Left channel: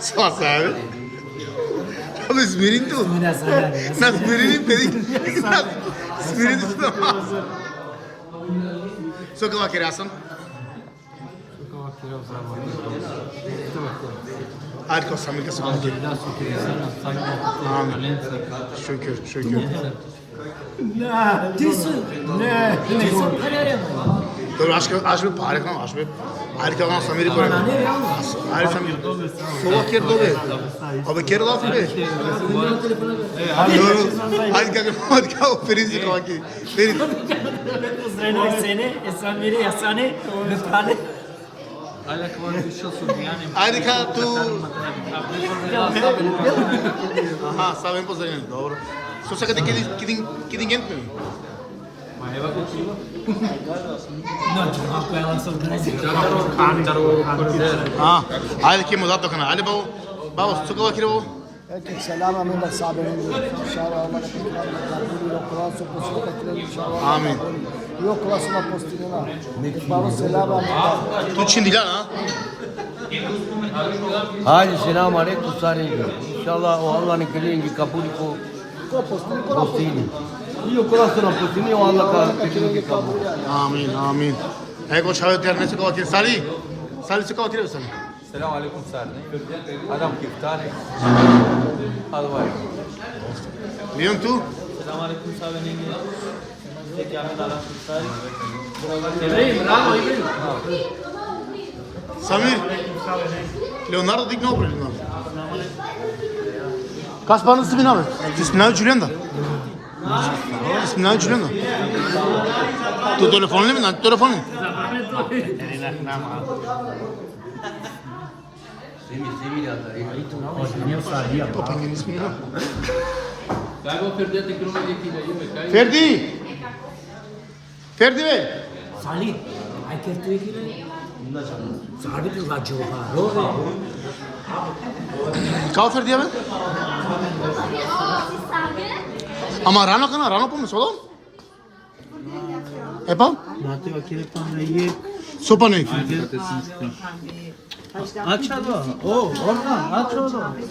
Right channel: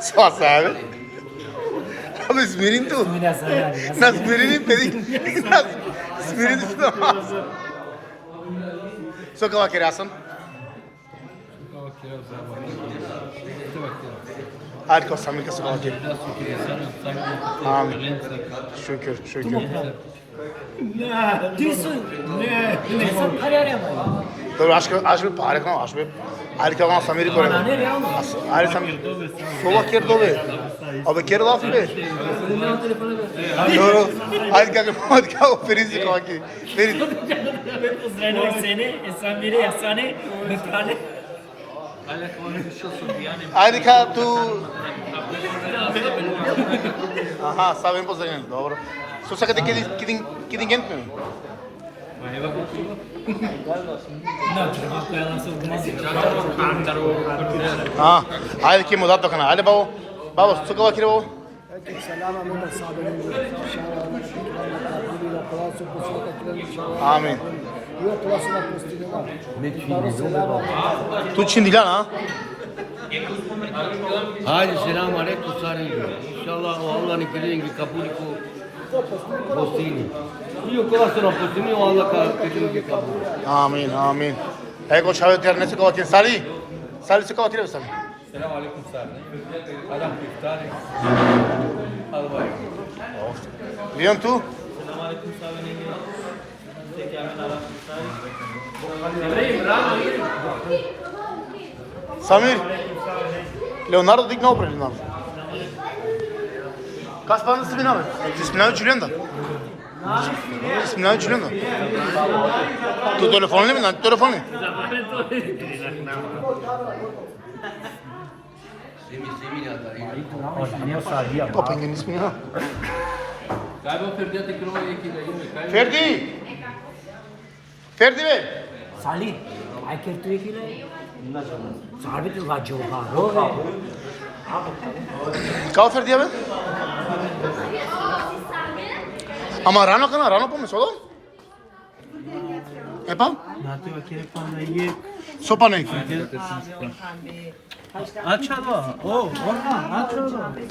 Só sabe. Abi İzmir'in tu. Nas İzmir'in pedi. İzmir'in tu. Só que ela queria ação. Hadi Samir que sokağa gir. Amin. Şükür, şükür. Ne? Dur aşkı pare kan aşkı. Hadi kalan Samir'i koy. Hadi Samir. Sokağa gir dolu. Abi gir laf be. Hadi kalk feriz sokağa gir. Feriz. Pozdravljam sene, Samiri, Asane, Neprane. Hadi kalk tu. Aha, sabem pozdravljam. Dobro. Su sakate kidin gent mi? No, čekam koja vam se odnosi. Ha, hadi ki mudat dokana. Hadi babo. Babo, su kava kire babo. Selama muda sabrin. İnşallah Allah kabul ile Kur'an'ı poslušati inşallah. Amin. Yok klasına postinima. Baro selama muda. Tu Çindilan ha? Hadi selam aleyküm sarin. İnşallah o Allah'ın kelini kabul ko postini. Io cosa sono postini o Allah ka kelini kabul. Amin, amin. Ego çağı terne su kava kire. Sali su kava kire sali. Selam aleyküm Sarne. Adam kiftari. Hadi bay. Leon tu? Selam aleyküm Sarne. Samir. Leonardo digno pre Leonardo. Kas bana ismi abi? İsmini Julian da. İsmini Julian da. Tu telefonun mi? Telefonun. O pengen ismini ha. Ferdi. Ferdi Bey. Salih, ai kertu ekile. Sarbi tu va giocare. Kao Ferdi abi? Ama Rano pomis oğlum. Epam? Nativa kire pana ye. Sopa ne? Aç hava. O, oradan aç oradan.